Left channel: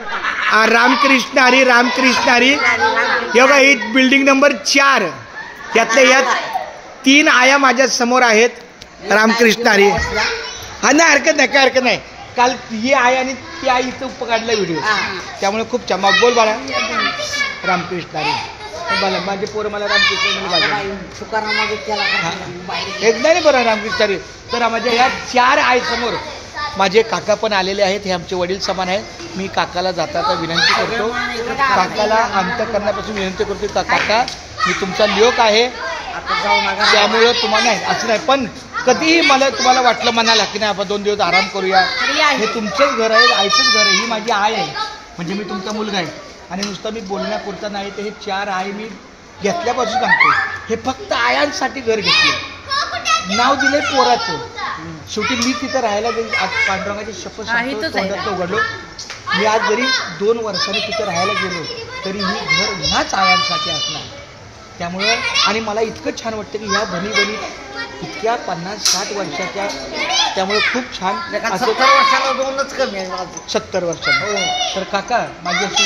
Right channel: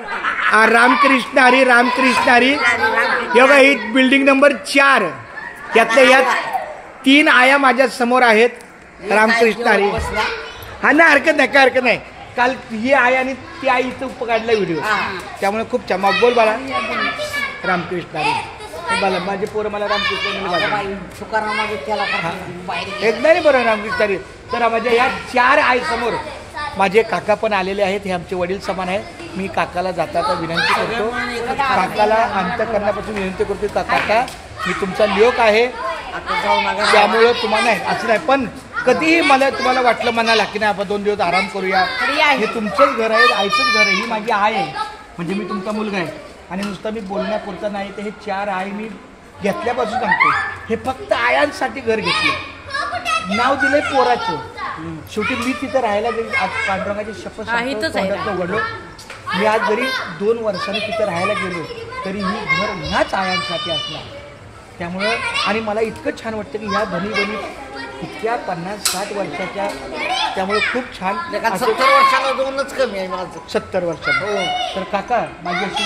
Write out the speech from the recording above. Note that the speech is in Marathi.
रामकृष्ण हरी रामकृष्ण हरी. हे बघा ही बिल्डिंग नंबर 4 यातल्या यात 3 आया माझ्या समोर आहेत. रामकृष्ण हरी. हा ना हरकत नाही काय हरकत नाही. काल ही आई आणि ती आई इथं काढला व्हिडिओ त्यामुळे खूप छान. बोल बाळा. रामकृष्ण हरी. बोला माझे पोरं मला रामकृष्ण एकदा नाही बरं रामकृष्ण हरी. तर माझ्या ह्या 4 आई समोर माझे काका पण आलेले आहेत. हे आमचे वडील समान आहे. मी काकाला जाता विनंती करतो. काकाला अंतःकरणापासून विनंती करतो काका मी तुमचा लोक आहे त्यामुळं तुम्हाला असं नाही पण कधीही मला तुम्हाला वाटलं मनाला की नाही आपण 2 दिवस आराम करूया. हे तुमचंच घर आहे आईचंच घर आहे. ही माझी आई आहे म्हणजे मी तुमचा मुलगा आहे आणि नुसतं मी बोलण्यापुरता नाही तर हे 4 आई मी घेतल्यापासून सांगतो. हे फक्त आयांसाठी घर घेतलं नाव दिलंय पोराचं. शेवटी मी तिथं राहायला गेली. आज पांडुरंगाची शपथ सांगतो तोंडात उघडलो मी आज जरी 2 वर्षांनी तिथं राहायला गेलो तरी मी घर ह्याच आयांसाठी असणार. त्यामुळं आणि मला इतकं छान वाटतं की ह्या धनी धनी इतक्या 50-60 वर्षाच्या त्यामुळे खूप छान. 70 वर्षांना 2च कमी आहे 70 वर्षांना. तर काका माझी अशी